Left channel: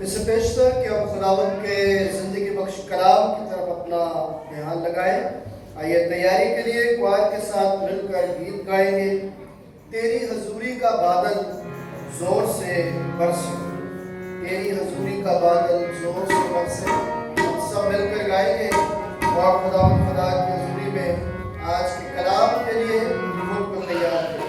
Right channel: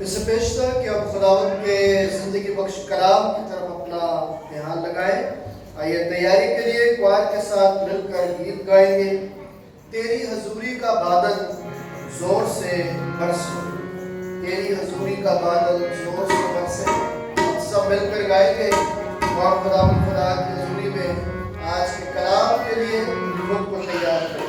اس سے پیشتر کہ اب خداوند کے زندگی بخش کلام کی طرف اپنا دھیان لگائیں. آئیے تیاری کے لیے کوائر کے ساتھ مل کر گیت گائیں گے. تیری حضوری کا بادل زور سے برسے، تیری حضوری کا بادل زور سے برسے. ہم سب مل کر گائیں گے اور خداوند خدا کی حضوری میں آج کے کلام کے لیے خود کو تیار کریں.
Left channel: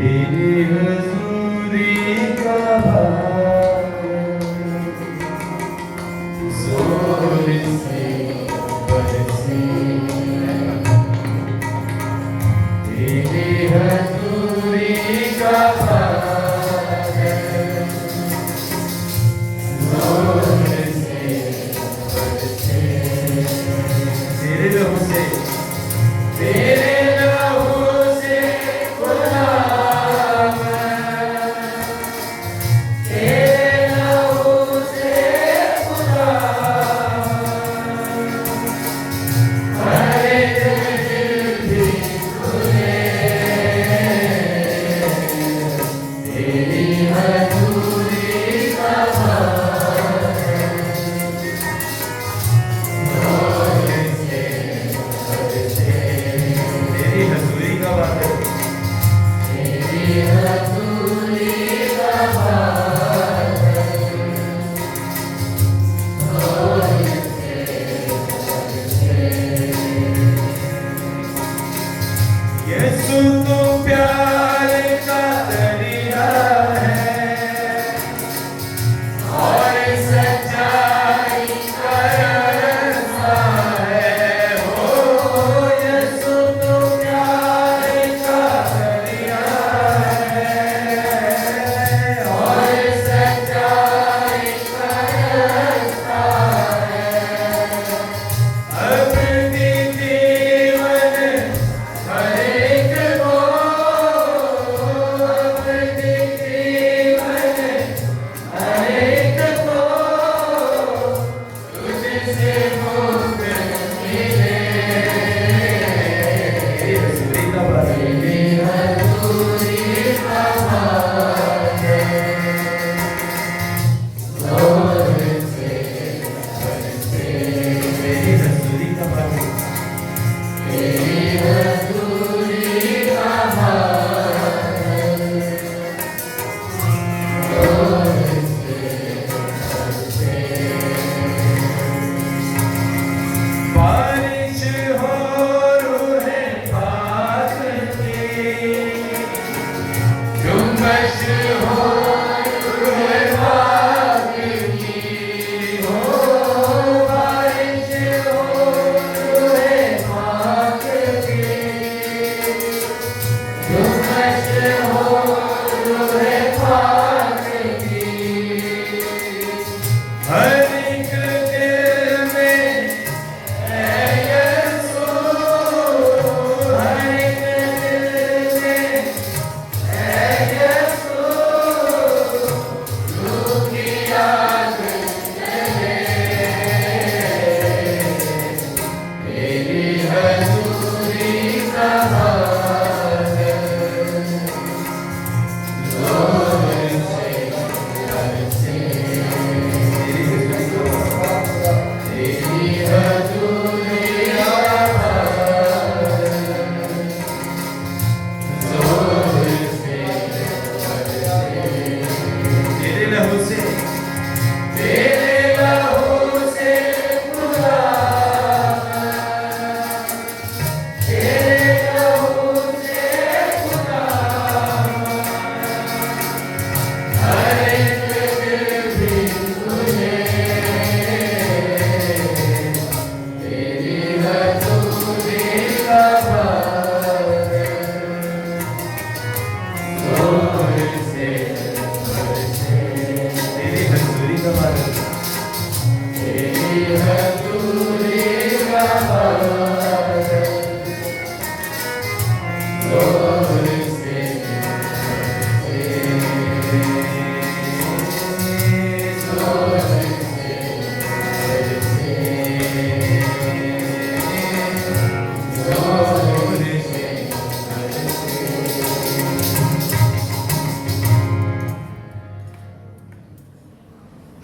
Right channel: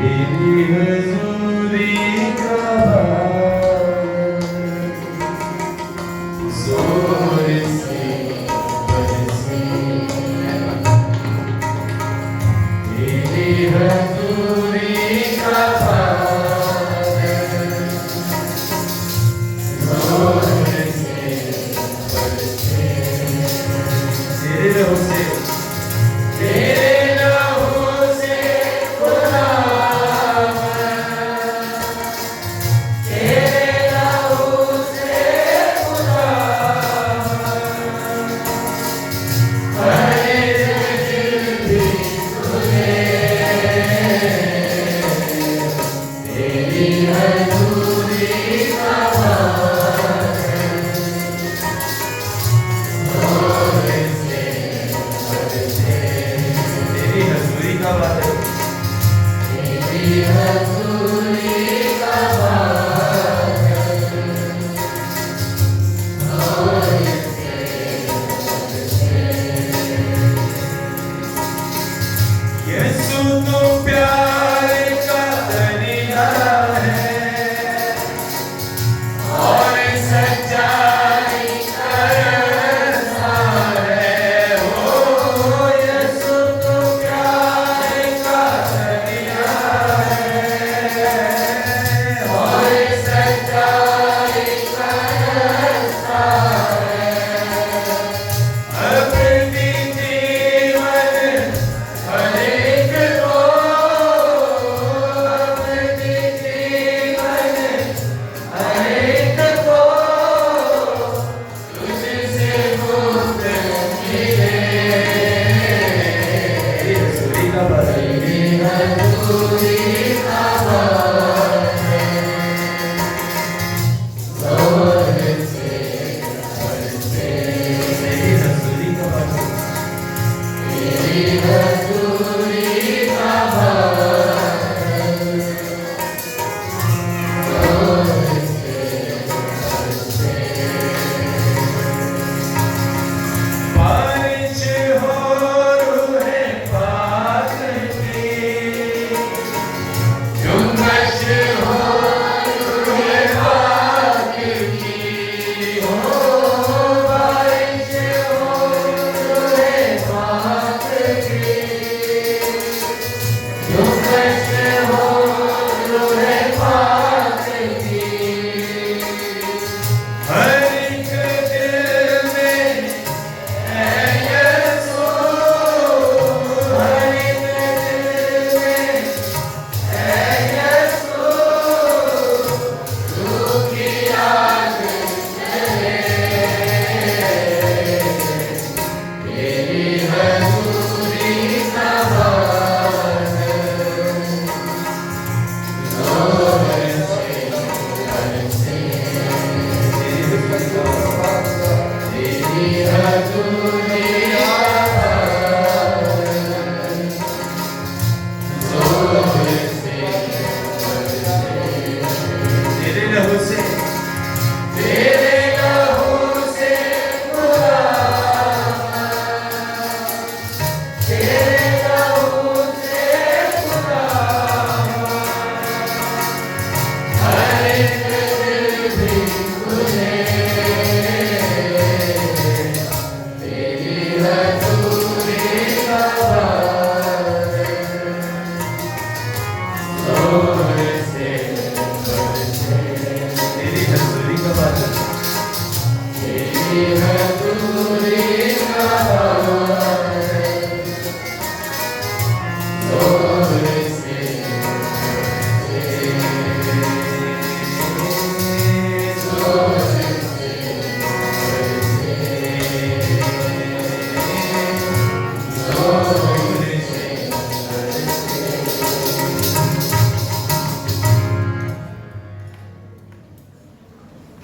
Amen.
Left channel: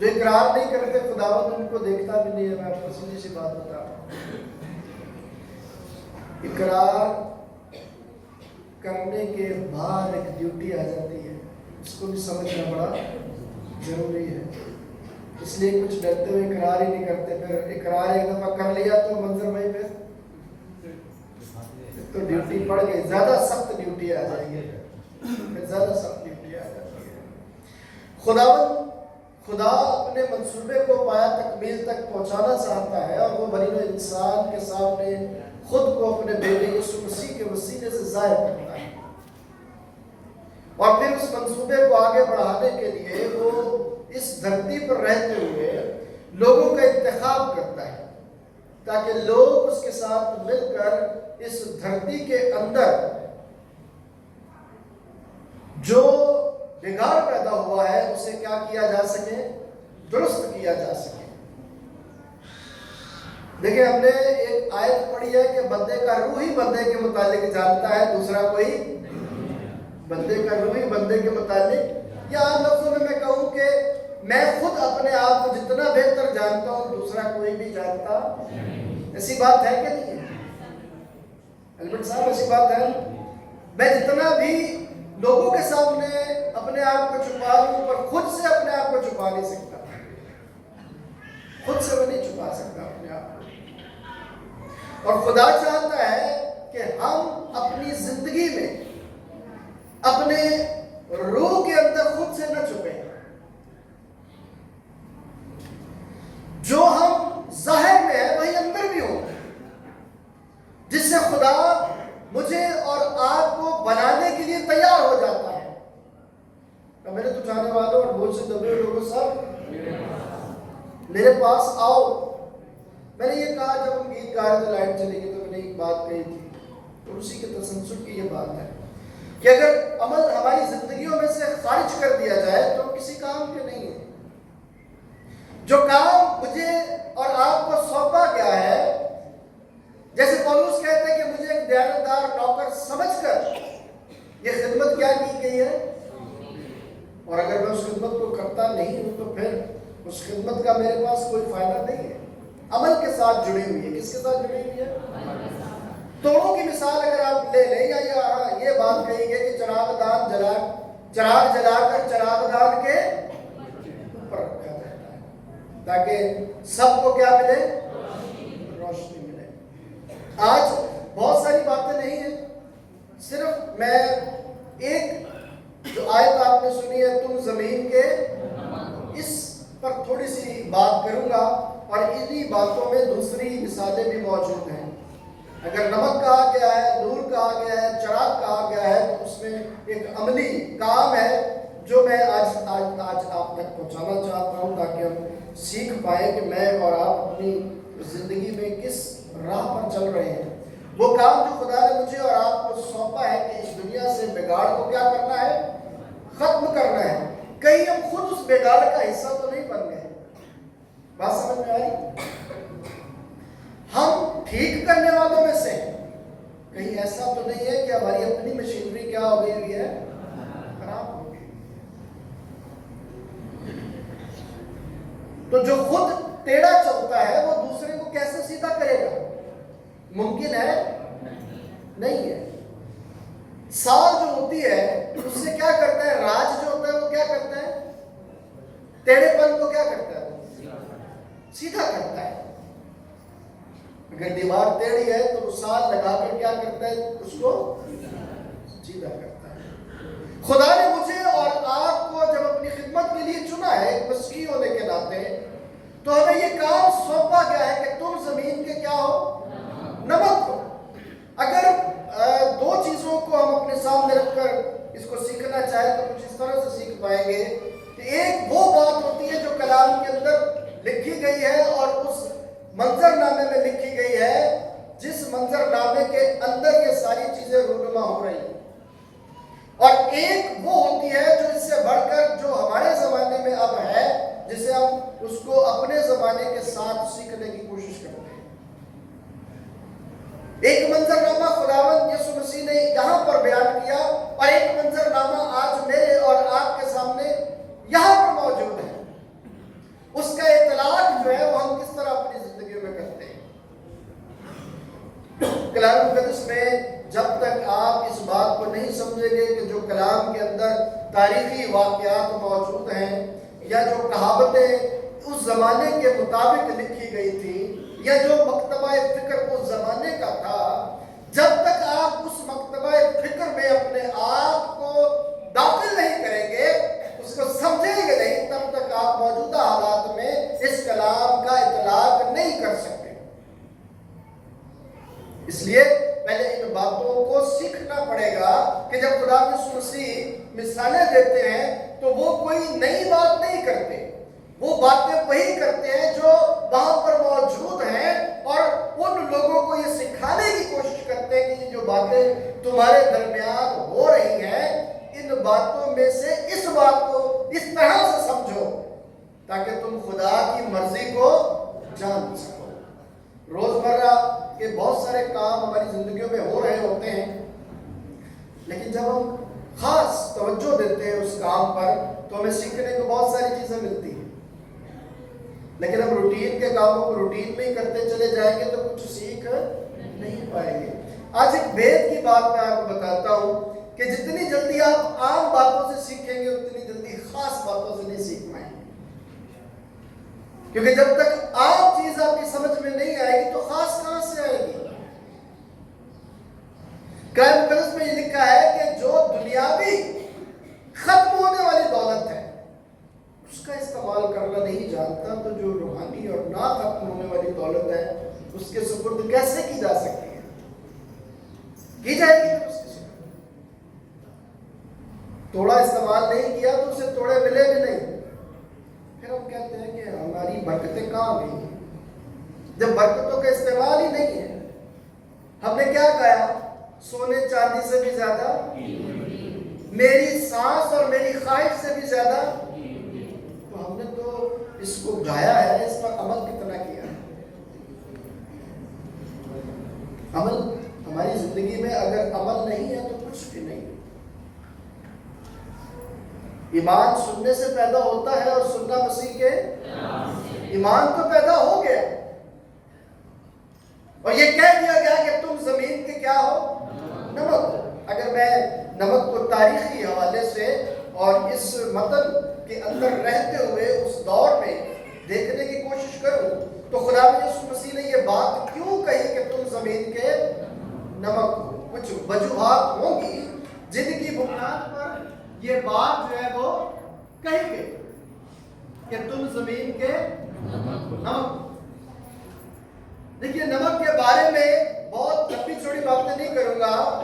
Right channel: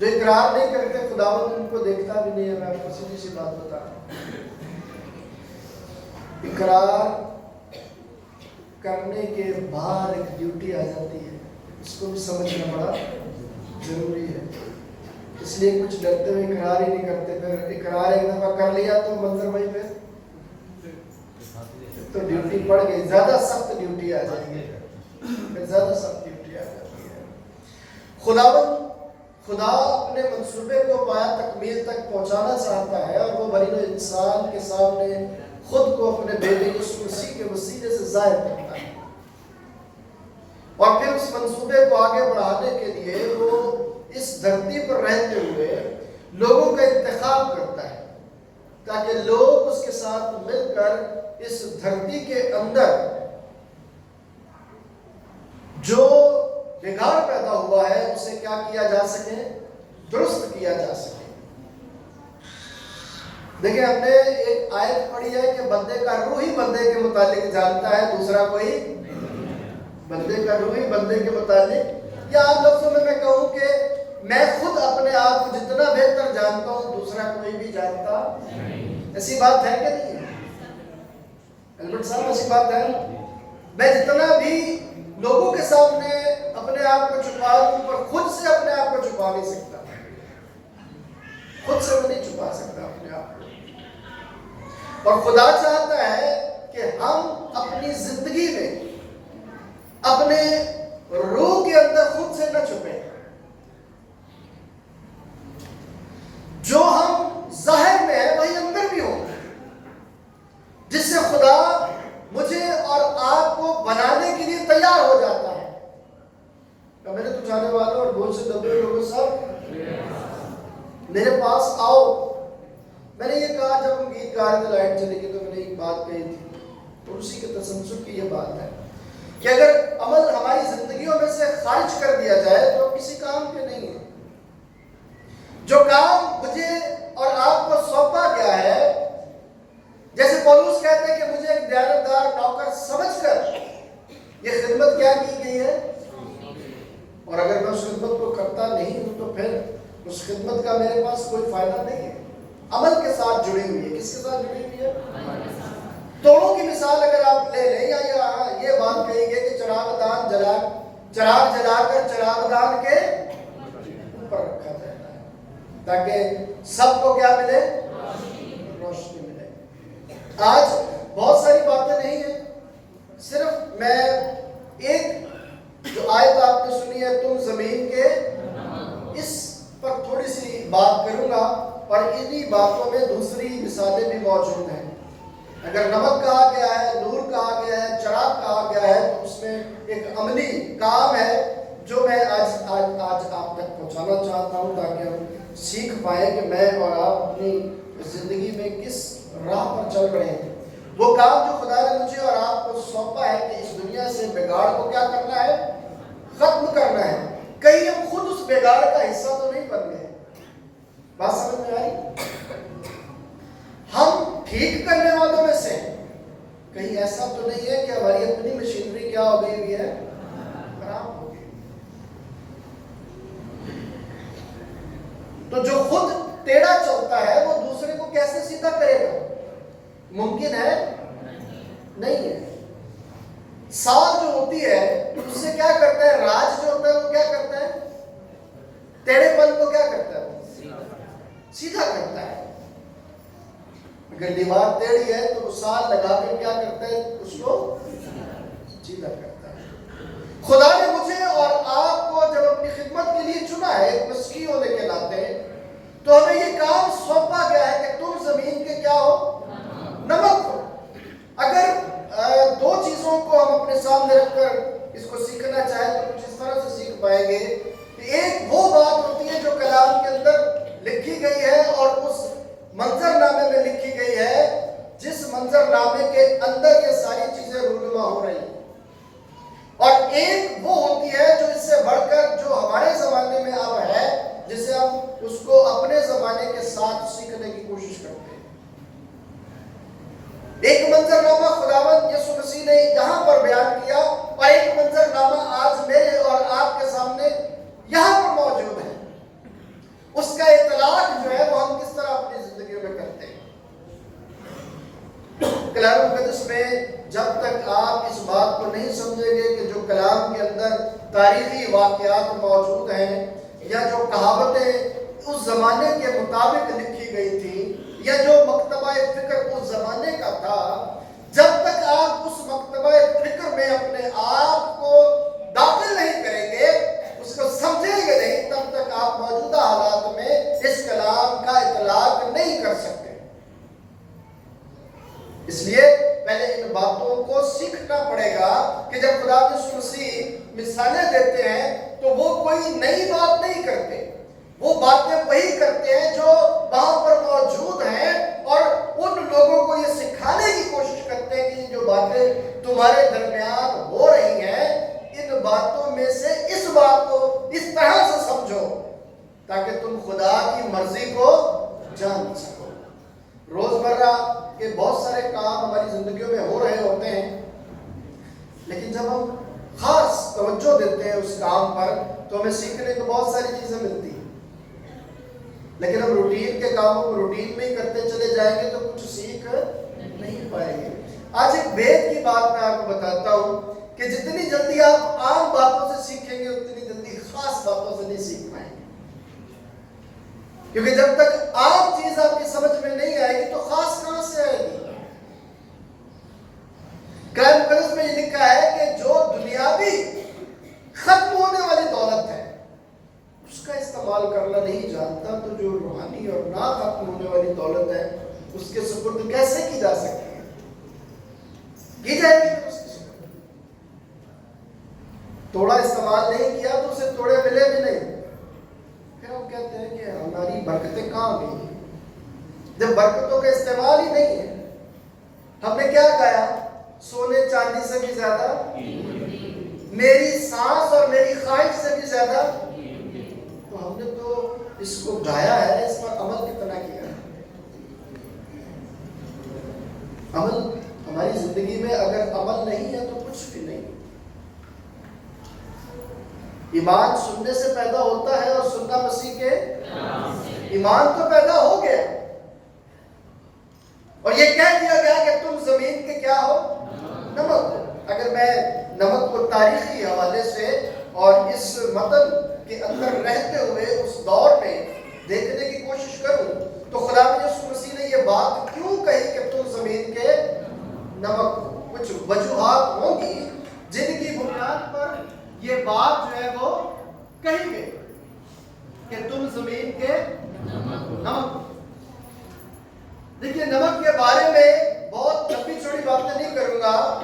جو اقرار نہیں کرتے خداوند ان کو دیکھتا بھی نہیں ہے. میں آپ کو سیدھی سی بات بتا رہا ہوں. اقرار کرنے کے بعد ایک ڈیوٹی آ جاتی ہے, اس کو بھی سمجھنا بڑا ضروری ہے. اس لیے کچھ ڈرتے ہوئے اقرار ہی نہیں کرتے, پھر اقرار ایک دفعہ کر لیا تو منظر بھائی پھر تو ڈیوٹی پڑ گئی, زیادہ سخت ڈیوٹی آ جائے گی, زیادہ سخت ڈیوٹی آ جاتی ہے. خدا اپنے منصوبے کو پایا تکمیل تک پہنچانا چاہتا ہے, اور وہ بنی نوع انسان کے سامنے خود کو اپنے بیٹے یسوع مسیح کے وسیلے سے ظاہر کرتا ہے, اور پھر اس منصوبے کو آگے بڑھانے کے لیے وہ اس دھرتی پر رہتے ہوئے لوگوں کا انتخاب کرتا ہے, تاکہ لوگ اس کے ساتھ مل کر اس دھرتی کے اندر جو بگاڑ پیدا ہوا ہے اسے کیا کیا جا سکے, درست کیا جا سکے. دیکھیں, ہم نے ایک آیت پڑھی ہے کہ بندے کا روح ہی بندے کے متعلق جانتا ہے, دوسرا کوئی بندے کا روح ہی بندے کے متعلق. یا عام لفظوں میں میں کہوں کہ میں خود اپنے آپ کو جتنا بہتر جانتا ہوں دوسرا کوئی بھی جانتا. ایسی بات ہے کہ نہیں البرٹ صاحب, ایسی بات ہے. میں جتنا بھی لوگوں کے سامنے اپنے آپ کو چھپا لوں پر خود سے اپنے آپ کو چھپا نہیں سکتا, خود سے میں نہیں چھپا سکتا اپنے آپ کو. اور خدا چاہتا ہے کہ ہم اپنی زندگی میں اپنے روح کے اندر خود سے نہ چھپیں. جو ہم ظاہر میں ہے وہی اندر بھی ہو, جس سے خدا مجھے اور آپ کو بنانے کے لیے تیار ہو جاتا ہے. میرے تو جانے والوں اور بہت سے دبے لوگوں سب میرے پاس آؤ. میں نے یہ کہا جب ہم گیت گا رہے تھے, لائٹ چلی گئی تو میں نے ایک بات کہی تھی, تو اسی کے تسلسل کی یہ بات ہے کہ اگر عمل ہماری زندگیوں میں سے خارج کر دیا جائے تو کسی کام کے نہیں ہے. جو کام مجھے اور آپ کو سونپا گیا ہے, جیسے پولوس کہتے ہیں کہ مجھے ایک دیانتدار نوکر سمجھ کر یہ خدمت کیا کی گئی ہے, اور اگر میں اس خدمت کو کرتا نہیں ہوں تو پھر اس خدمت کا میرے پاس کوئی فائدہ نہیں ہے. عمل کے ساتھ جڑی ہوئی ہے. کس کے ساتھ جڑی ہوئی ہے؟ توڑوں کی مثال اگر آپ لے لیں, یا یہ بات کہی گئی کہ چراغ جلا کر چراغ دان کے اوپر رکھا جاتا ہے تاکہ سب کو کیا ملے, روشنی ملے. آج بہت ساری باتیں نہیں ہیں, صرف میں ایک جو آیت آپ نے سنی ہے تم زمین کے, اس پر تھوڑی سی بات کروں گا, اور انہی باتوں میں دوسری مثالیں بھی موجود ہیں. اگر نمک کہا گیا ہے, نور کہا گیا ہے, چراغ کہا گیا ہے, تو اس میں ایک عملی کام ہے جو میں آج آپ تک پہنچانا چاہتا ہوں, تاکہ ہم سیکھ پائیں کہ میں اور آپ اپنی زندگی میں کس راہ پر چل رہے ہیں. وہ کام جو خدا نے مجھے اور آپ کو سونپا ہے کہ اس دنیا سے بگاڑ کو کیا کرنا ہے, ختم کرنا ہے. کہیں ہم خود اس بگاڑ کا حصہ تو نہیں بن گئے. بات سمجھ میں آئی؟ ہم ٹھیک کرنے والوں میں سے کہیں ایسا تو نہیں ہے کہ ہماری اپنی مشینری کیا ہو گئی ہے, خراب ہو گئی. تو جو خود ٹیڑھا چلتا ہے وہ دوسرے کو کیسے سیدھا کرے گا؟ ممکن ہے نہیں ہے. سال جو ہوتی ہے اس سے کیا کرتا ہے, راج جو ہوتا ہے وہ کیا کرتا ہے, ٹیڑھے پن کو کیا کرتا ہے, سیدھا کرتا ہے. اگر دیوار ٹیڑھی ہے تو وہ سال لگا کر کیا کرتا ہے, اس کو سیدھا کرتا ہے. خدا نے مجھے اور آپ کو جب اپنی خدمت کے لیے چنا ہے ایک مسیحی ہونے کے ناطے, تو ہمیں یہ کام سونپا گیا ہے کہ تم زمین کے کیا ہو, نمک ہو. اگر دو چیزوں کو ہم اپنے سامنے رکھ کر اس کو سیکھنا چاہیں تو کچھ اس طرح سے سیکھ پائیں گے کہ ایک وہ بات ہوتی ہے جو کلام کے اندر لکھی گئی ہے اور اس منظر نامے میں لکھی گئی ہے, جس منظر نامے کے اندر یہ ساری چیزیں رونما ہو رہی ہیں. اور ایک وہ ہوتی ہے جو اس سے بڑھ کر جو ہمارے زمانے میں اب ہے, جسے ہم اس کو اپنے زمانے کے ساتھ سیکھنے کی کوشش کرتے ہیں. ایک منظر نامہ خداوند یسوع مسیح نے یہاں پر بیان کیا, اور ایک منظر نامہ آج میرے اور آپ کے سامنے یہاں پر موجود ہے. اس کا اطلاق جو ہے وہ ہم کس طرح اپنی زندگیوں میں کرتے ہیں. کلام مقدس میں جب تک آپ اس بات کو نہیں سمجھیں گے کہ جو کلام کے اندر تاریخی واقعات موجود ہیں یا جو کہاوتیں اس زمانے کے مطابق لکھی گئی تھی یا جو مکتبہ فکر اس زمانے کا تھا، جب تک آپ اس مکتبہ فکر میں اپنے آپ کو داخل نہیں کریں گے، اس کو سمجھیں گے نہیں، تب تک آپ موجودہ حالات میں اس کلام کا اطلاق نہیں کر سکتے. اس لیے پہلے ان باتوں کو سیکھنا پڑے گا کہ جب خدا یسوع مسیح مثالیں دیتے ہیں تو وہ کوئی نئی بات نہیں کرتے، وہ باتیں وہی کرتے ہیں جو وہاں پر موجود ہیں، اور ان لوگوں کو یہ سکھانے کی کوشش کرتے ہیں کہ یہ جو باتیں تمہارے درمیان ہو رہی ہیں، ان باتوں میں سے اس بات کو اس طرح سے سمجھو تاکہ تم خدا کی مرضی کو جان سکو. روزمرہ کے بہت سارے کام ہماری زندگیوں میں ہو رہے ہوتے ہیں، لیکن جب ہم خاص توجہ دیتے ہیں اس کام پر تو ہمیں سیکھنے کو بہت ساری چیزیں ملتی ہیں. لیکن ہم روٹین کے کاموں کو روٹین میں ہی کرتے چلے جائیں گے تو کچھ سیکھ نہیں پائیں گے. آج ایک بھید کی بات میں آپ کو بتاتا ہوں کہ جتنی جلدی آپ عام باتوں سے سیکھیں گے اتنی جلدی خاص باتوں سے نہیں سیکھ پائیں گے، کیونکہ جب تک عام چیز آپ کی سمجھ میں نہیں آئے گی تو خاص کہاں سے آئے گی. قرآن مقدس میں یہ لکھا ہے کہ جو دنیاوی ختم ہونے والی دولت ہے اس کا استعمال کرنا نہیں جانتا تو جو روحانی اور نہ ختم ہونے والی دولت ہے اس کے سپرد کیسے کی جا سکتی ہے؟ کی جائے گی اس کے سپرد. توڑا استعمال نہیں کیا تو اسے توڑے ملے بھی نہیں. پھر ہم کہتے ہیں کہ ہماری برکتیں کہاں گئی جب برکتوں کا استعمال ہی نہیں ہے. ہم نے کیا کہا؟ سونے چاندی سے بھی زیادہ، میری سانس اور میری خواہش سے بھی زیادہ. تو ہم نے تو اس کو گایا ہے، اس پر عمل کتنا کیا ہے؟ عمل ہماری زندگی میں اگر عمل نہیں ہے تو کچھ بھی نہیں. ایمان سننے سے پیدا ہوتا ہے اور سننا مسیح کے ایمان تو پیدا ہو گیا اور یہ کہہ دیا گیا کہ تم زمین کے کیا ہو؟ نمک. اگر میں نمک کو تاریخی حوالے سے اور اس متن کے اندر رہتے ہوئے اس دور میں دیکھنے کی کوشش کروں تو خدا یسوع مسیح نے یہ بات کیوں کہی کہ تم زمین کے نمک ہو؟ کچھ وجوہات ہوں گی جن کی بنیاد پر یہ بات جو ہے وہ کہی گئی کہ تم زمین کے نمک. دیکھیے نمک کے بارے میں بہت لمبی چھوٹی باتیں نہیں کروں گا،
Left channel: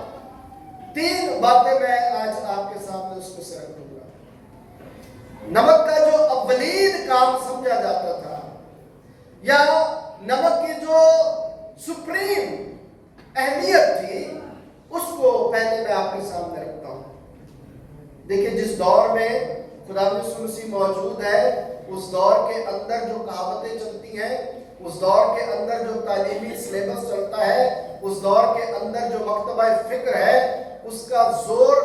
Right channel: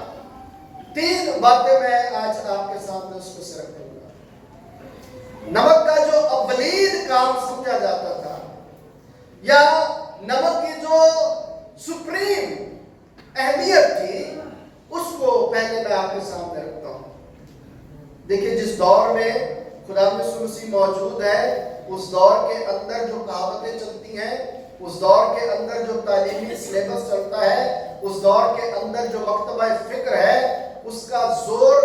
3 باتیں میں آج آپ کے سامنے اس کو شیئر کروں گا. نمک کا جو اولین کام سمجھا جاتا تھا یا نمک کی جو سپریم اہمیت تھی اس کو پہلے میں آپ کے سامنے رکھتا ہوں. دیکھیں جس دور میں خدا یسوع مسیح موجود ہے اس دور کے اندر جو کہاوتیں چلتی ہیں، اس دور کے اندر جو تعلیمی سلیبس چلتا ہے، اس دور کے اندر جو مکتبہ فکر ہے، اس کا زور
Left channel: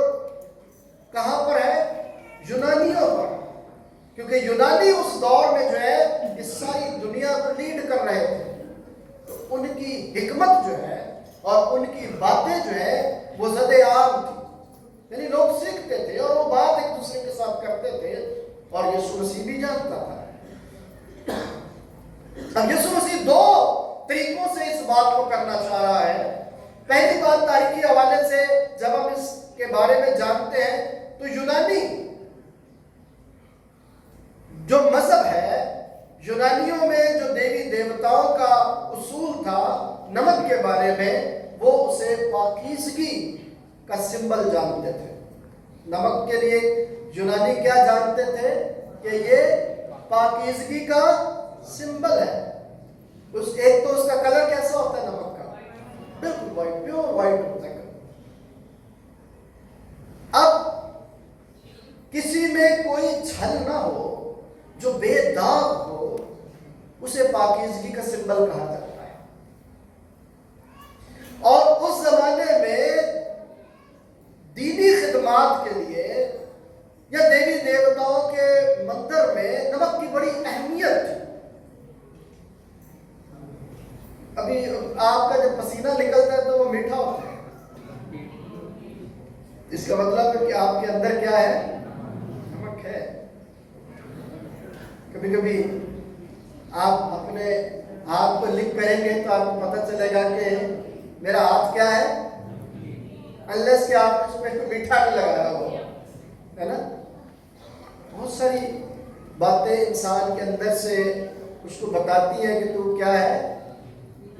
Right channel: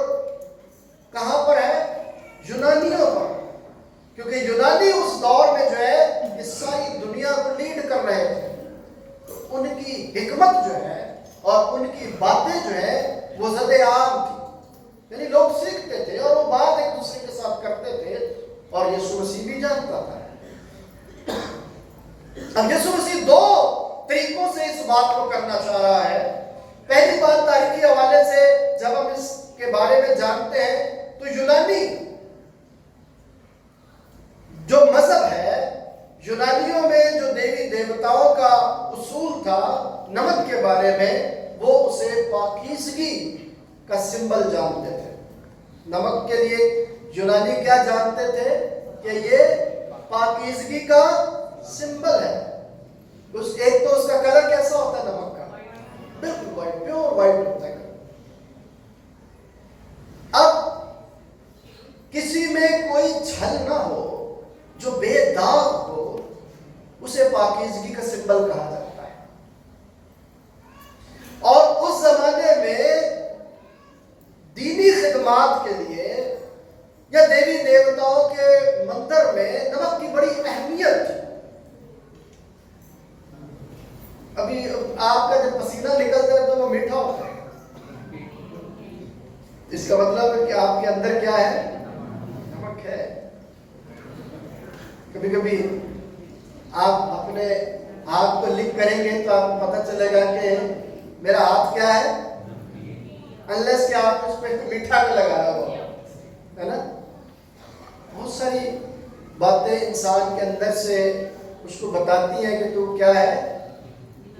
کہاں پر ہے؟ یونانیوں پر. کیونکہ یونانی اس دور میں جو ہے اس ساری دنیا کو لیڈ کر رہے تھے. تو ان کی حکمت جو ہے اور ان کی باتیں جو ہے وہ زد عام تھی، یعنی لوگ سیکھتے تھے اور وہ بات ایک دوسرے کے ساتھ کرتے تھے اور یسوع مسیح بھی جانتا تھا. اب یسوع مسیح 2 طریقوں سے اس بات کو کرنا چاہ رہا ہے. پہلی بات تاریخی حوالے سے جب ہم اس کے بارے میں جانتے ہیں تو یونانی جو مذہب ہے، یونانیوں میں جو دیوی دیوتاؤں کا اصول تھا نمک کے بارے میں، وہ اسے پاکیزگی کا سمبل جانتے تھے. نمک کے لیے یونانی کیا جانتے تھے کہ یہ پاکیزگی کا سمبل ہے. ایک تو اس کا کلر کیسا ہوتا ہے نمک کا؟ بالکل وائٹ، پیور وائٹ ہوتا ہے. اب کسی میں کوئی چھل نہ ہو، جو بے داغ ہو، اسے پاکیزگی کا سمبل کہا جاتا ہے. اور اس زمانے میں دینی خدمات کے لیے یا دیوی دیوتاؤں کے مندر میں نمک کی بڑی اہمیت ابھی آپ کا جب پسینہ نکلتا ہے تو وہ میٹھا ہوتا ہے، اس کا مطلب ہے کہ آپ کے اندر کیا ہے؟ نمک ہے۔ کبھی کبھی آپ اپنے ہاتھ کو لکھ کریں گے تو آپ کو پتہ چلے گا کہ میرا ہاتھ کیا ہے، انلیس کہ آپ اس پہ میٹھا نہیں لگایا ہو، ہے نا؟ بہت ساری باتیں انسان کے اندر سے اس کو بتاتی ہیں کہ تو کیا ہے؟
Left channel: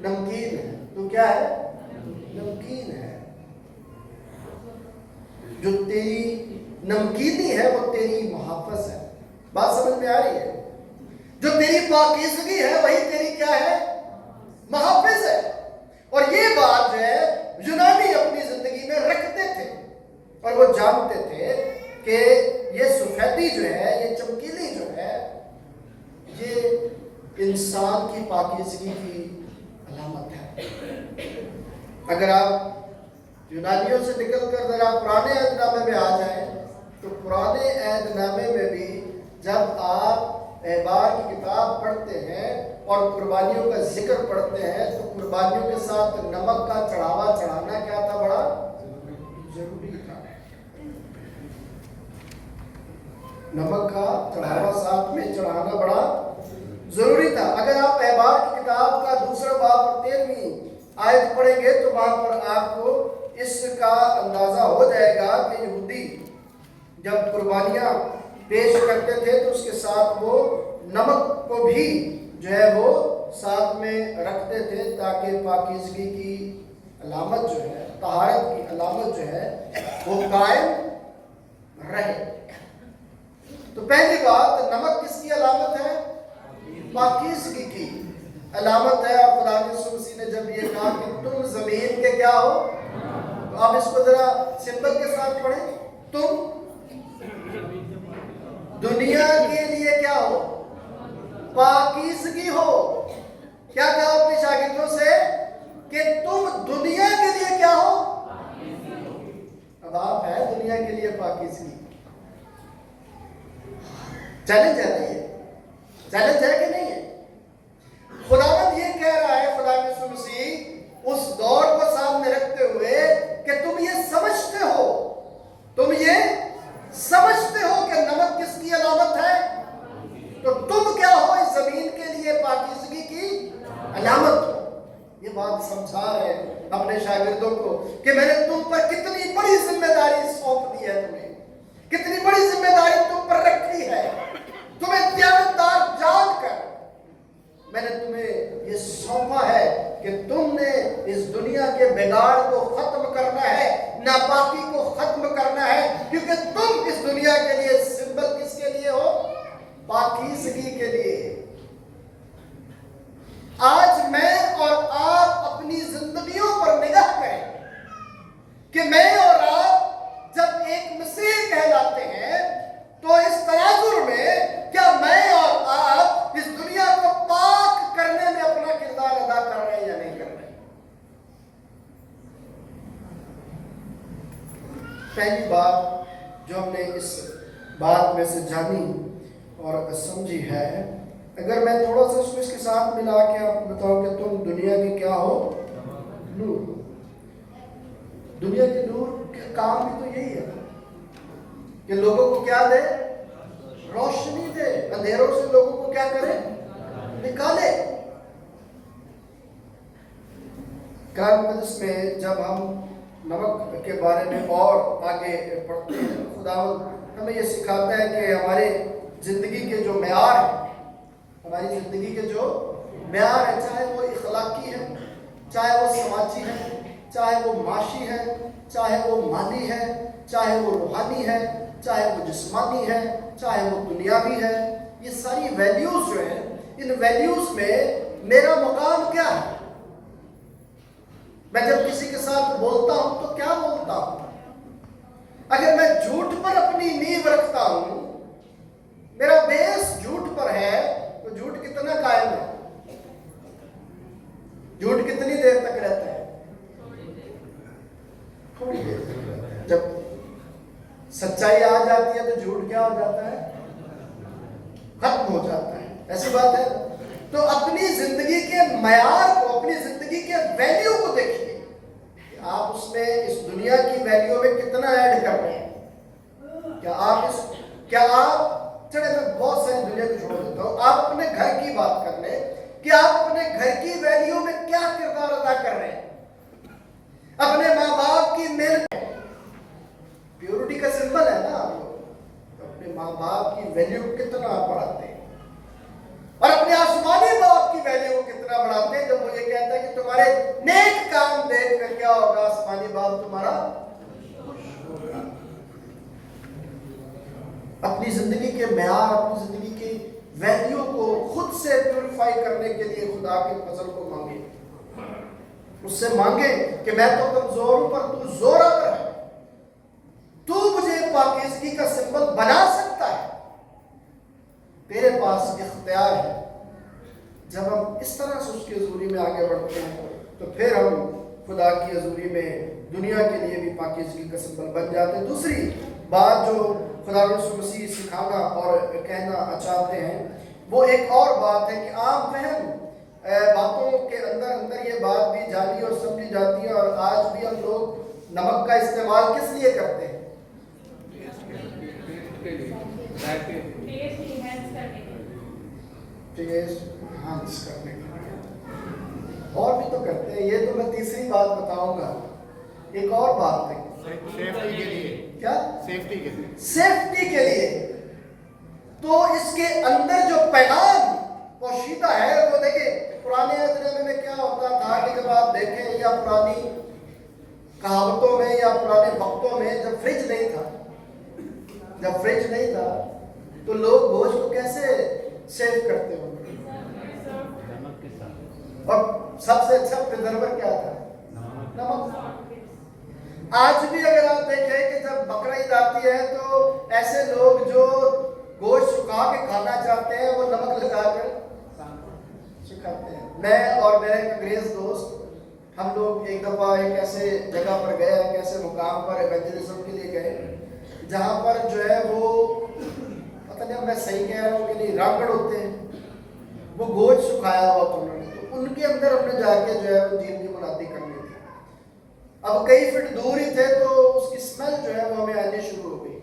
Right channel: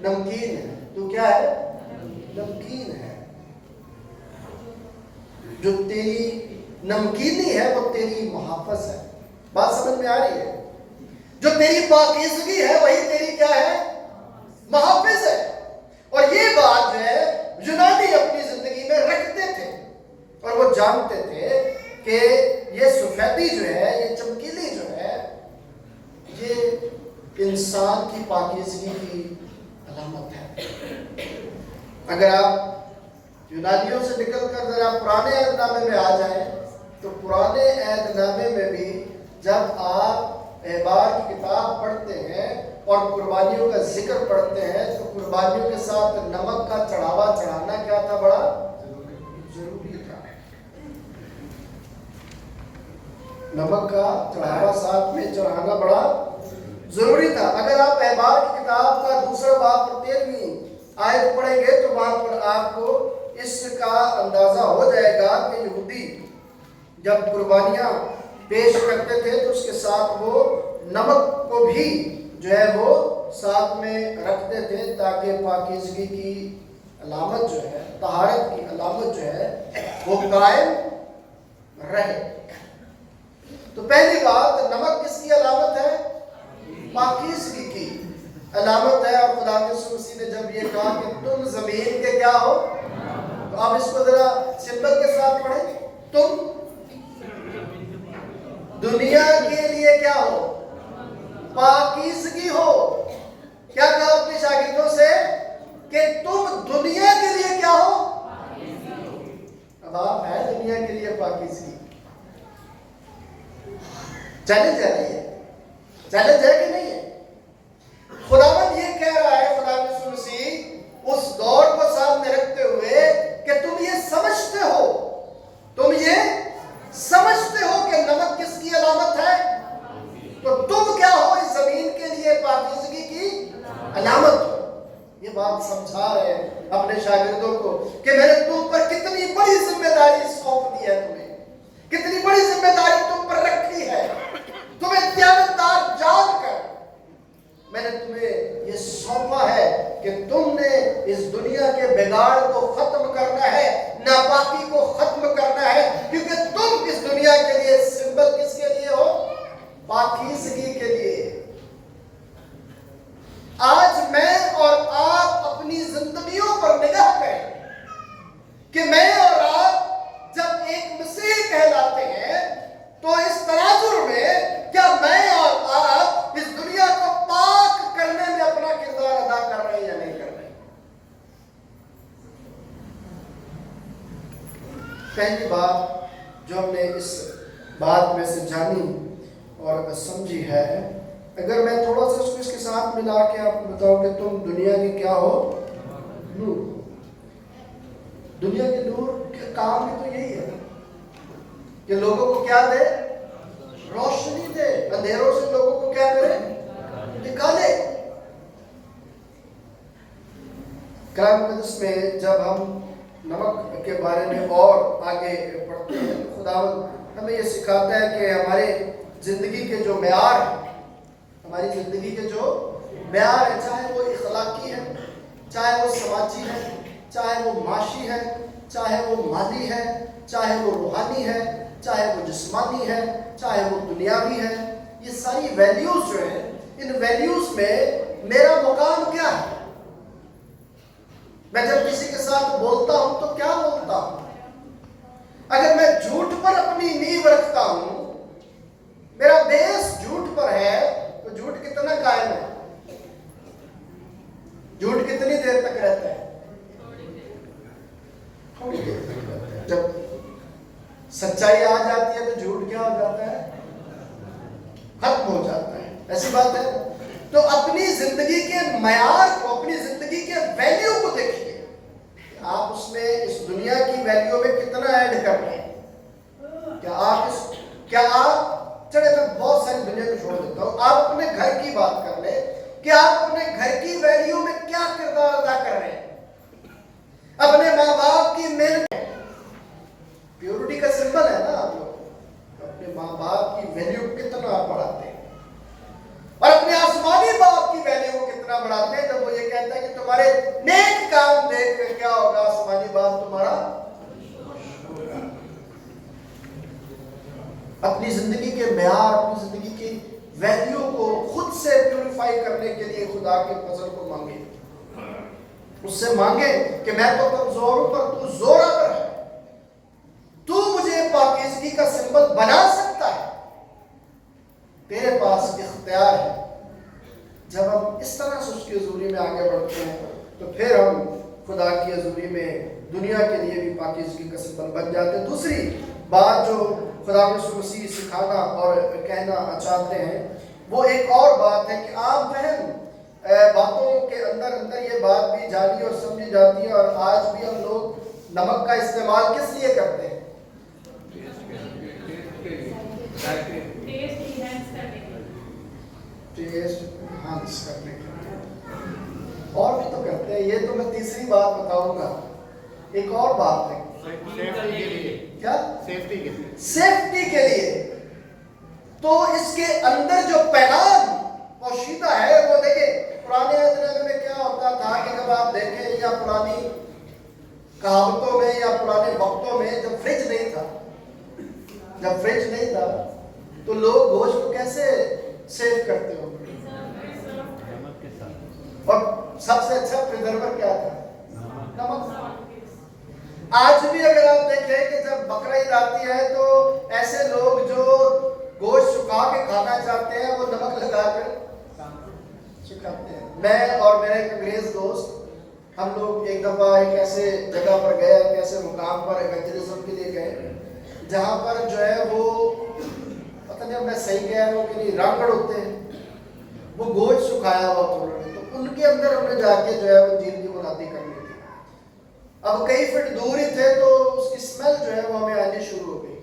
نمکین ہے۔ تو کیا ہے؟ نمکین ہے۔ جو تیری نمکینی ہے وہ تیری محافظ ہے۔ بات سمجھ میں آ رہی ہے؟ جو تیری پاکیزگی ہے وہی تیری کیا ہے؟ محافظ ہے۔ اور یہ بات جو ہے یونانی اپنی زندگی میں رکھتے تھے اور وہ جانتے تھے کہ یہ سفیدی جو ہے، یہ چمکیلی جو ہے، یہ انسان کی پاکیزگی کی علامت ہے۔ اگر آپ یونانیوں سے نکل کر ذرا پرانے عہد نامے میں آ جائیں تو پرانے عہد نامے میں بھی جب آپ احبار کی کتاب پڑھتے ہیں اور قربانیوں کا ذکر پڑھتے ہیں تو قربانیوں کے ساتھ نمک کا چڑھاوا چڑھانا کیا تھا؟ بڑا ضروری تھا۔ نمک کا چڑھاوا ساتھ میں چڑھانا بڑا ضروری تھا۔ اگر آپ احبار کی کتاب کا دوسرا باب 13ویں آیت پڑھیں گے تو وہاں پر آپ کو اس کا اندازہ ہو جائے گا کہ یہودی جب قربانیاں پیش کرتے تھے تو اس کے ساتھ وہ نمک کو بھی جو ہے وہ ساتھ میں رکھتے تھے تاکہ پاکیزگی کی علامت جو ہے، طہارت کی علامت جو ہے وہ قائم رہے۔ تو پہلی بات، نمک کس کی علامت ہے؟ پاکیزگی کی علامت ہے۔ اور خدا یسوع مسیح نے جب یہ کہا کہ تم زمین کے کیا ہو، تو آپ اس کو ذرا سمبل کے ساتھ پڑھیں، تم دنیا کے لیے کیا ہو؟ پاکیزگی ہو۔ کیا کہا اپنے شاگردوں سے؟ کہ تم دنیا کے لیے کیا ہو؟ اب آپ ہے دنیا کے لیے پاکیزگی۔ چیلنج ہے نہیں ہے؟ چیلنج ہے کہ نہیں ہے؟ خداوند یہ کہہ رہا ہے، خدا یسوع مسیح اس دور کو سامنے رکھتے ہوئے کہ تم یہ سمجھتے ہو کہ نمک کس کی علامت ہے، تو تم کیا ہو؟ اس زمین کے لیے پاکیزگی کی علامت ہو۔ یہ بات سمجھا رہے ہیں اپنے شاگردوں کو کہ میں نے تم پر کتنی بڑی ذمہ داری سونپ دی ہے، تمہیں کتنی بڑی ذمہ داری تم پر رکھی ہے، تمہیں دیانتدار جان کر میں نے تمہیں یہ سونپا ہے کہ تم نے اس دنیا کے بگاڑ کو ختم کرنا ہے، ناپاکی کو ختم کرنا ہے، کیونکہ تم اس دنیا کے لیے سمبل کس کے لیے ہو؟ پاکیزگی کے لیے۔ آج میں اور آپ اپنی زندگیوں پر نگاہ کریں کہ میں اور آپ جب ایک مسیح کہلاتے ہیں تو اس تناظر میں کیا میں اور آپ اس دنیا کو پاک کرنے میں اپنا کردار ادا کر رہے ہیں یا نہیں کر رہے؟ پہلی بات جو ہم نے اس بات میں سے جانی اور سمجھی ہے، اگر میں تھوڑا سا اس کو اس کے ساتھ ملا کے آپ کو بتاؤں کہ تم دنیا کے کیا ہو؟ نور۔ دنیا کے نور کے کام بھی تو یہی ہے کہ لوگوں کو کیا دے؟ روشنی دے، اندھیروں سے لوگوں کو کیا کرے؟ نکالے۔ کلام مقدس میں جب ہم نمک کے بارے میں اور آگے پڑھتے ہیں، خداوند ہمیں یہ سکھاتا ہے کہ ہمارے زندگی کے جو معیار ہیں، ہماری زندگی کے جو معیار ہے، چاہے وہ اخلاقی ہے، چاہے وہ سماجی ہے، چاہے وہ معاشی ہے، چاہے وہ مالی ہے، چاہے وہ روحانی ہے، چاہے وہ جسمانی ہے، چاہے وہ دنیاوی ہے، یہ ساری ویلیوز جو ہیں، ان ویلیوز میں میرا مقام کیا ہے؟ میں جب کسی کے ساتھ بولتا ہوں تو کیا بولتا ہوں؟ اگر میں جھوٹ پر اپنی نیو رکھتا ہوں، میرا بیس جھوٹ پر ہے، تو جھوٹ کتنا قائم ہے؟ جھوٹ کتنی دیر تک رہتا ہے؟ تھوڑی دیر تک رہتا ہے۔ جب سچائی آ جاتی ہے تو جھوٹ کیا ہو جاتا ہے؟ ختم ہو جاتا ہے۔ ایسی بات ہے۔ تو اپنی زندگی کے معیار کو، اپنی زندگی کے ویلیو کو دیکھیے کہ آپ اس میں اس دنیا کی ویلیو میں کتنا ایڈ کر رہے ہیں. کیا آپ چلے میں بہت ساری دنیا کو چھوڑ دیتا ہوں, آپ اپنے گھر کی بات کر لیں کہ آپ اپنے گھر کی ویلیو میں کیا کردار ادا کر رہے ہیں. اپنے ماں باپ کی محنت پیورٹی کا سمبل ہے نا, آپ لوگ اپنے ماں باپ کی ویلیو کتنا بڑھاتے ہیں اور اپنے آسمانی باپ کی ویلیو کو کتنا بڑھاتے ہیں جب وہ یہ کہتا ہے کہ تمہارے نیک کام دیکھ کر کیا ہوگا, آسمانی باپ تمہارا. اپنی زندگی کے معیار, اپنی زندگی کی ویلیو کو خود سے پیوریفائی کرنے کے لیے خدا کے فضل کو مانگے, اس سے مانگے کہ میں تو کمزور ہوں پر تو زورآور ہے, تو مجھے پاکیزگی کا سمبل بنا سکتا ہے, تیرے پاس اختیار ہے. جب ہم اس طرح سے اس کی حضوری میں آگے بڑھتے ہیں تو پھر ہم خدا کی حضوری میں دنیا کے لیے بھی پاکیزگی کا سمبل بن جاتے ہیں. دوسری بات جو خدا یسوع مسیح سکھانا اور کہنا چاہتے ہیں وہ ایک اور بات ہے کہ عام فہم باتوں کے اندر یہ بات بھی جاری اور سمجھی جاتی ہے, اور آج بھی ہم لوگ نمک کا استعمال کس لیے کرتے ہیں؟ ٹیسٹ انہانس کرنے کے لیے, اور بھی تو کرتے ہیں. یہ تو میں تیسری بات بتاؤں گا. ایک اور بات ہے سیفٹی کے لیے. کیا؟ سیفٹی کے لیے. سیفٹی کے لیے. تو اس کے اندر جو پیغام پوشیدہ ہے وہ دیکھیں پرانے زمانے میں کیا ہوتا تھا کہ جب آپ دیکھیں یا پرانی کہاوتوں میں یا پرانے وقتوں میں جب فریج نہیں تھا تو لوگ گوشت کو کیسے سیو کرتے ہوں گے؟ نمک کے ساتھ. اور سب سے اچھا پریزرور کیا تھا؟ نمک. آج بھی اگر آپ دیکھیں کہ جب بقرعید آتی ہے تو ایسے لوگ جو گوشت سکھا کے کھانا چاہتے ہیں وہ نمک لگا کر سکھاتے ہیں. میں اور میرے ایک انگریز دوست ہم لوگ ایک دفعہ ایک ایسے جگہ پر گئے, ایک ایسے مقام پر ایونجلزم کے لیے گئے جہاں پر جو ہے وہ پتہ نہیں میں صحیح کہہ رہا ہوں کہ نہیں, راکڑ ہوتے ہیں, وہ گوشت سکھایا ہوا تھا انہوں نے, تو ان کے اندر ہم نے جا کے جو ہے وہ جیل کی منادی کرنی تھی. اب کئی فٹ دور ہی تھے تو اس کی اسمیل جو ہے وہ ہمیں آنی شروع ہو گئی.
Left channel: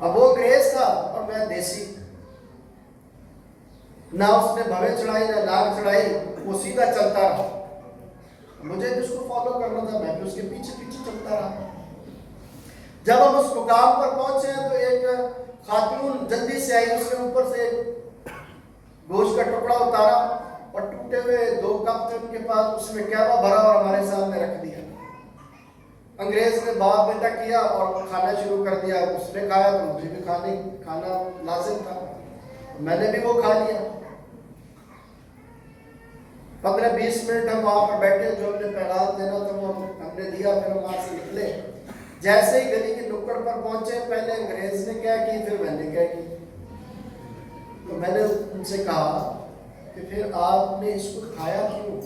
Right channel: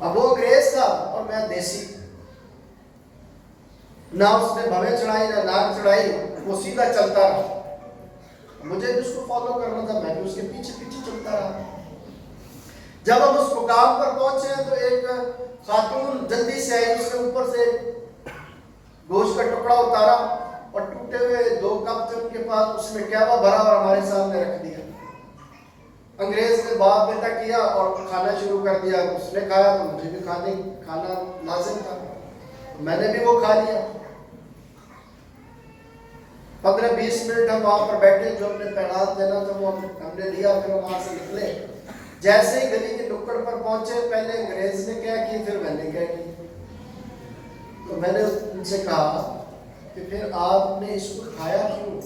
اب وہ انگریز تھا اور میں دیسی, نہ اس نے بھویں چڑھائی نہ ناک چڑھائی, وہ سیدھا چلتا رہا. مجھے بھی اس کو فالو کرنا تھا, میں بھی اس کے پیچھے چلتا رہا. جب ہم اس مقام پر پہنچے ہیں تو ایک خاتون جلدی سے آئی, اس نے اوپر سے گوشت کا ٹکڑا اتارا اور ٹوٹے ہوئے 2 کپ تھے ان کے پاس, اس میں کیا ہوا بھرا اور ہمارے سامنے رکھ دیا. انگریز نے باپ بیٹا کیا اور کھانا شروع کر دیا. اس نے کھایا تو مجھے بھی کھانا لازم تھا, میں نے بھی وہ کھا لیا. 15-20 منٹ ہم وہاں پر بیٹھے, جو ہم نے پیغام دینا تھا وہ ہم نے لیا, پھر وہاں سے نکلے. جیسے ہی گلی کے نکڑ پر پہنچے پہلے انگریز نے کیا کی پھر میں نے کیا کی. تو میں نے ان سے کہا کہ پھر آپ نے اس کو کھایا کیوں؟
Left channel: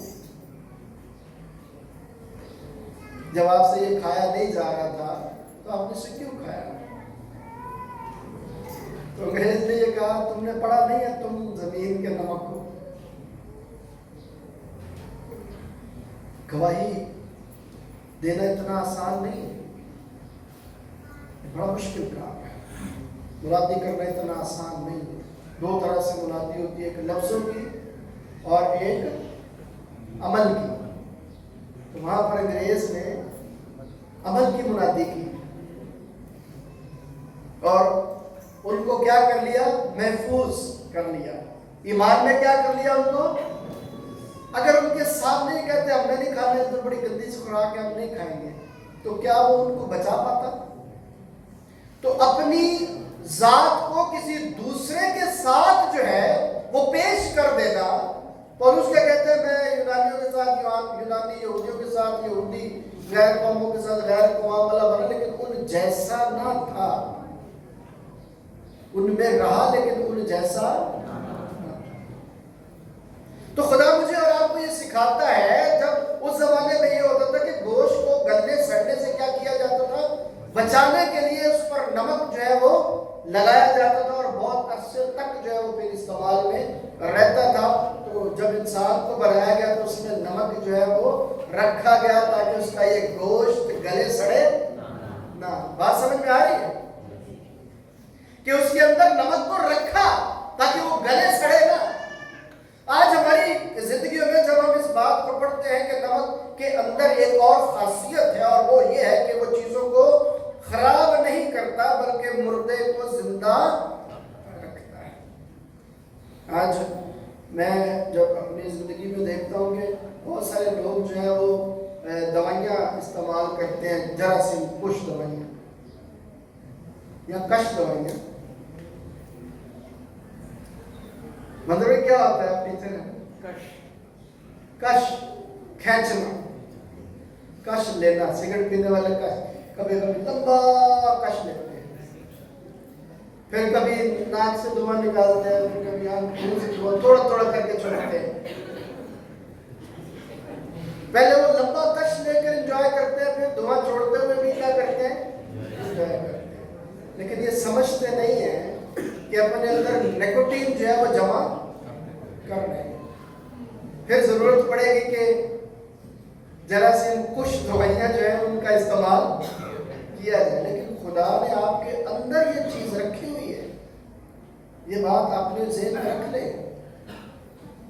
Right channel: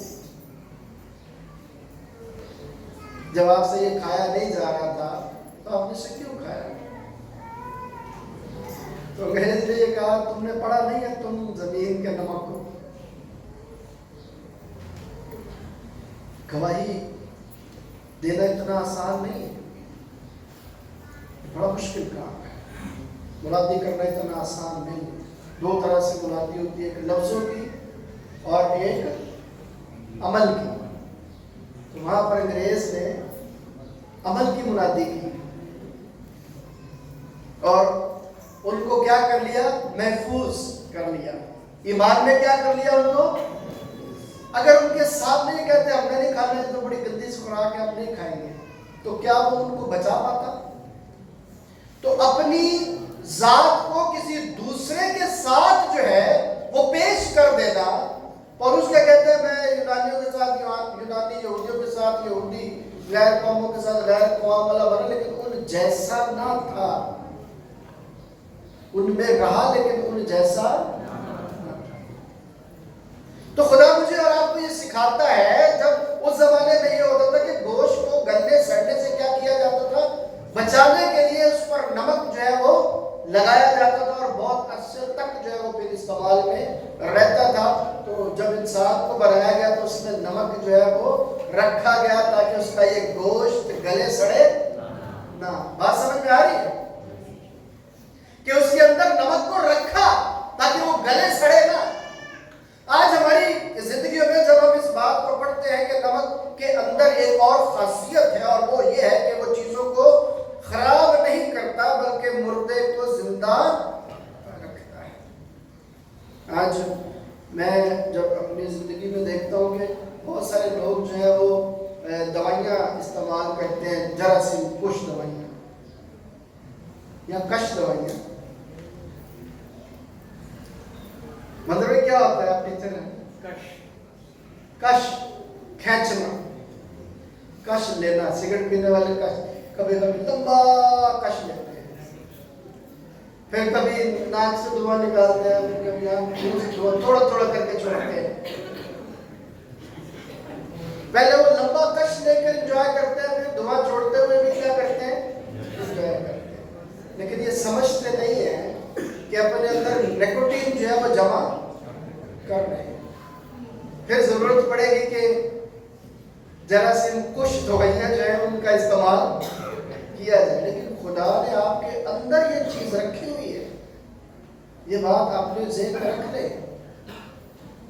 جب آپ سے یہ کھایا نہیں جا رہا تھا تو آپ نے اسے کیوں کھایا؟ تو انگریز نے یہ کہا تم نے پڑھا نہیں ہے تم زمین کے نمک کو. گواہی دینا اتنا آسان نہیں, بڑا مشکل کام ہے. منادی کرنا اتنا آسان نہیں. 2 طرح سے منادی ہوتی ہے, ایک لفظوں کی اور ایک عمل کی. تو وہاں پر انگریز نے عمل کی منادی کی اور ان کو کیا کر لیا؟ محفوظ کر لیا. ایمان میں کیا کر لیا ان کو؟ اگر ان کے سامنے کہتے ہم نے نہیں کھانا تو بڑی گندی سی خوراک ہے ہم نہیں کھائیں گے, تو کیا وہ ان کو بچا پاتا؟ تو اپنی ذات کو کسی دوسرے کے ساتھ جو ہے وہ پیش کر دینا. اور اس کے کہتے ہیں میں یونانیوں کے ساتھ یونانی, یہودیوں کے ساتھ یہودی, غیر قوموں کے ساتھ غیر قوم والا بنا, لیکن ان جیسا نہ تھا. ان میں رہا لیکن ان جیسا. تو خدا مجھے اور آپ کو یہ سکھاتا ہے, جب اس زمانے میں یہ ہوتا تھا کہ گوشت کو گلنے سڑنے سے کیا کیا جاتا تھا؟ بچانے کے لیے اس پر نمک جو ہے وہ لگایا جاتا تھا اور بہت عرصے تک جو ہے وہ پھر استعمال میں رہتا تھا. تو جب انسان کو بنایا گیا تو اس میں نمک جو ہے وہ رکھا گیا تاکہ اس کا یہ گوشت گلے سڑے نہ. بات سمجھ میں آ رہی ہے کہ اس کے اندر نمک کو رکھا تاکہ وہ گلے سڑے نہ. آج ہماری زندگیوں میں جب ہم اس بات کو پڑھتے ہیں کہ نمک کے اندر ایک اور خاصیت ہے اور وہ یہ ہے کہ وہ چیزوں کو خراب نہیں کرتا بلکہ مردے کو زندہ رکھتا ہے. آج میں جب اپنی زندگی میں دیکھتا ہوں کہ بہت سارے لوگ جو ہے وہ دوائیاں استعمال کرتے ہیں, جراثیم کش دوائیاں یا کش دوائیاں. مطلب کیا ہوتا ہے آپ کہتے ہیں کش کھینچنا, کش لینا. سگریٹ پینے والے کش کبھی کبھی لمبا کش لیتے ہیں, پھر کبھی ناک سے دھواں نکالتے ہیں, پھر کبھی منہ سے دھواں تھوڑا تھوڑا کر کے چھوڑتے ہیں. پہلے وہ لمبا کش لے کر انجوائے کرتے ہیں, پھر دھواں چھوڑتے ہوئے بھی کیا کرتے ہیں, انجوائے کرتے ہیں. لیکن یہ سمجھتے نہیں ہیں کہ اپنے اندر نیکوٹین جو ہے وہ جمع کر رہے ہیں. پھر ضرورت پڑے گی کہ جراثیم کش دوائیاں جو ہیں ان کا استعمال کیا جائے. لیکن خدا نے آپ کے اندر یہ چیز رکھی ہوئی ہے. یہ بات آپ نے ذہن میں رکھ لیں.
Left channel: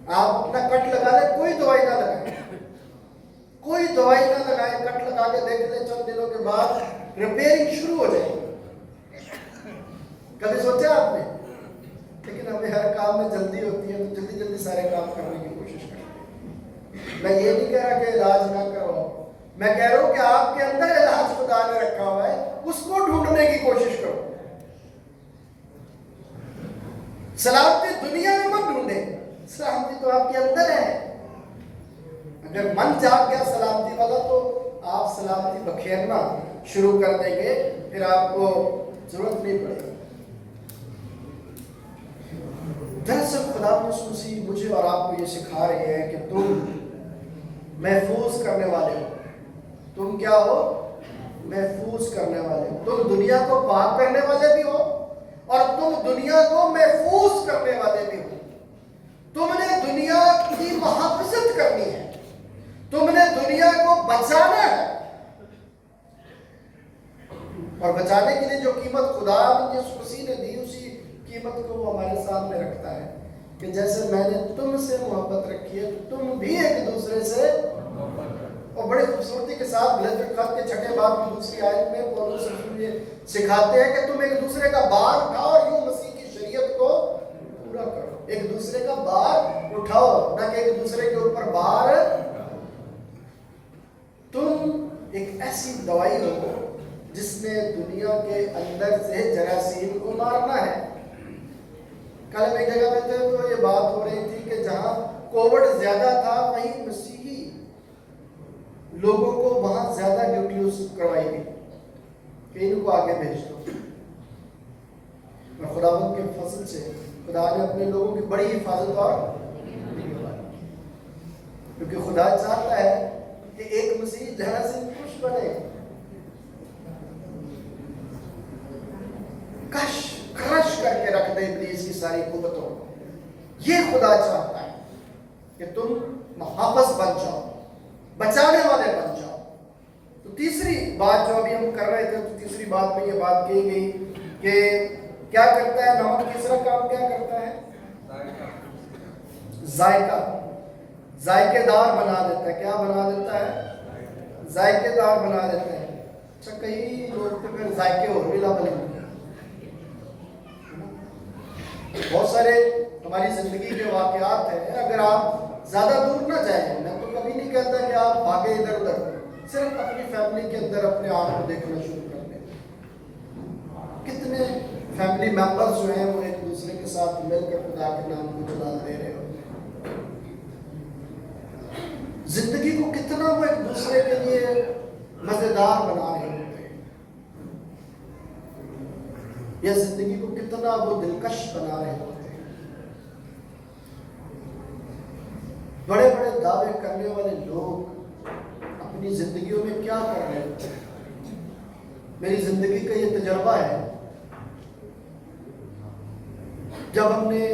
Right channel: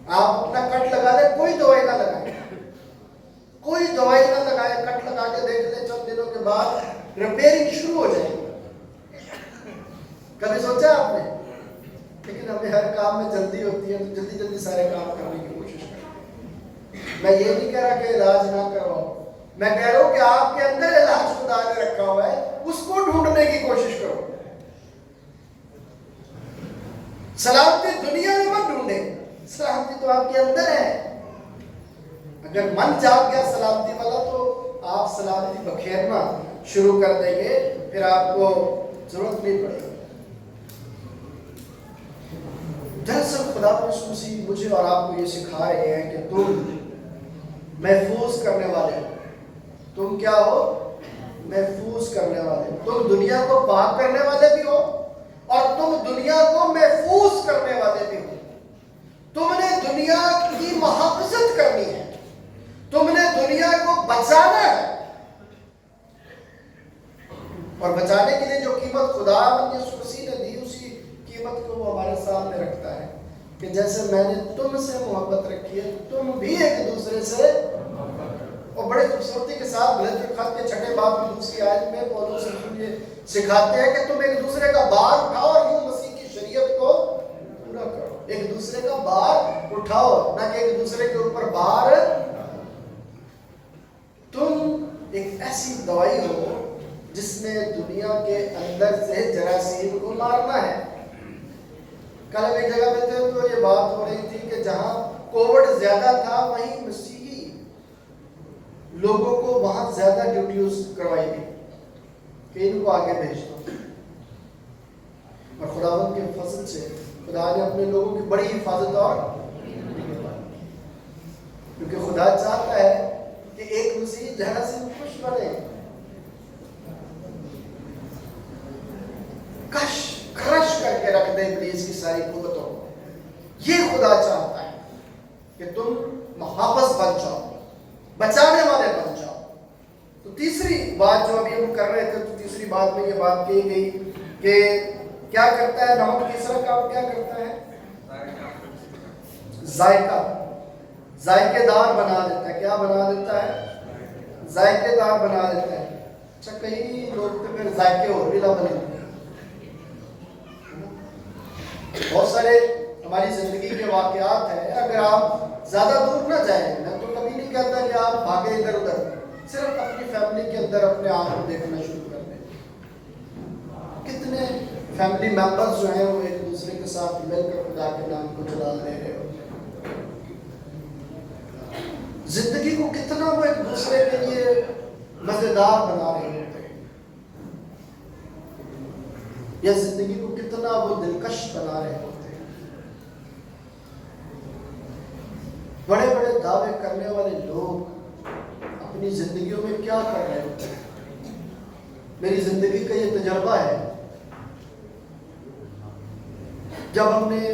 آپ اپنا کٹ لگا لیں, کوئی دوائی نہ لگائیں, کوئی دوائی نہ لگائیں. کٹ لگا کے دیکھ لیں, چند دنوں کے بعد ریپیئرنگ شروع ہو جائے گی. کبھی سوچا آپ نے؟ لیکن ہمیں ہر کام میں جلدی ہوتی ہے تو جلدی جلدی سارے کام کرنے کی کوشش کریں. میں یہ نہیں کہہ رہا کہ علاج نہ کرواؤ, میں کہہ رہا ہوں کہ آپ کے اندر علاج خدا نے رکھا ہوا ہے, اس کو ڈھونڈنے کی کوشش کرو. سلامتی دنیا میں مت ڈھونڈیں, سلامتی تو آپ کے اندر ہے. اگر من جاگ گیا سلامتی والا تو آپ سلامتی بکھیرنا شروع کر دیں گے, پھر آپ کو ضرورت نہیں پڑے گی. دراصل خدا مسیح مجھے اور آپ کو یہ سکھا رہے ہیں کہ تم محفوظ کرنے والے ہو. تم کیا ہو؟ محفوظ کرنے والے. تم دنیا کو پاک کرنے والے بھی ہو اور تم دنیا کو محفوظ کرنے والے بھی ہو. تم نے دنیا کی محافظت کرنی ہے, تم نے دنیا کو بچانا ہے. اور بچانے کے لیے جو قیمت خدا یسوع مسیح نے دی, اسی قیمت کو وہ ہمارے سامنے رکھتا ہے کہ جیسے میں نے تم سے محبت رکھی ہے تم بھی ایک دوسرے سے. اور بڑے خوبصورتی کے ساتھ غلطی خط کے 6 باب کی دوسری آیت میں پولس رسول یہ سکھاتے ہیں کہ تم ایک دوسرے کا بار اٹھاؤ اور یوں مسیح کی شریعت کو پورا کرو. ایک دوسرے کا بار اٹھاؤ, نہ کہ ایک دوسرے کے اوپر بار. تم ایک ایسی دوائی ہو جس نے دنیا کے اندر سے جراثیم کو مارنا ہے. کل ہم ایک جگہ پہ تھے تو یہ بات ہو رہی تھی کہ جہاں کووڈ زیادہ تھا وہیں مسیحی لوگوں کو وہاں زیادہ ڈیوٹیز کروائی گئی کہ ان کو آگے بھیج دو. اور خداوند کے فضل سے خدا نے اپنے لوگوں کی بڑی حفاظت اور کیونکہ خدا چاہتا ہے کہ ایک مسیح جہاں سے خوش بنے, کرش کر کے رکھ دے ابلیس کی ساری قوتوں. یہ خدا چاہتا ہے کہ تم محافظ بن جاؤ, بچانے والے بن جاؤ. تو تیسری بات جو ابھی ہم کر رہے تھے, تو تیسری بات میں یہ بات کی گئی کہ کیا کرتا ہے نمک. تیسرا کام کیا کرتا ہے؟ ذائقہ, ذائقے دار بنا دیتا ہے. کیا بنا دیتا ہے؟ ذائقے دار بنا دیتا ہے. اچھا, کئی لوگ تو پھر ذائقے اور بھی بنے. بہت سارے ہماری زندگی کے واقعات ہیں. اگر آپ زیادہ دور نہ جائیں, میں تو کبھی نہیں کہتا کہ آپ بھاگے ادھر ادھر, صرف اپنی فیملی کے اندر اپنے آپ کو دیکھنا شروع کر دیں. کتنے فیملی ممبرز جو ہیں وہ ایک دوسرے کے ساتھ مل کر خدا کے نام کو چلا لے رہے ہوتے ہیں. زندگی کو کتنا وہ ایک دوسرے کے لیے مزیدار بنا رہے ہوتے ہیں, یا زندگی کو کتنا وہ دلکش بنا رہے ہوتے ہیں. بڑے بڑے دعوے کرنے والے لوگ اپنی زندگیوں میں کیا کر رہے ہوتے ہیں؟ میری زندگی کا یہ تجربہ ہے. جب ہم نے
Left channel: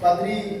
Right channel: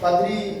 پادری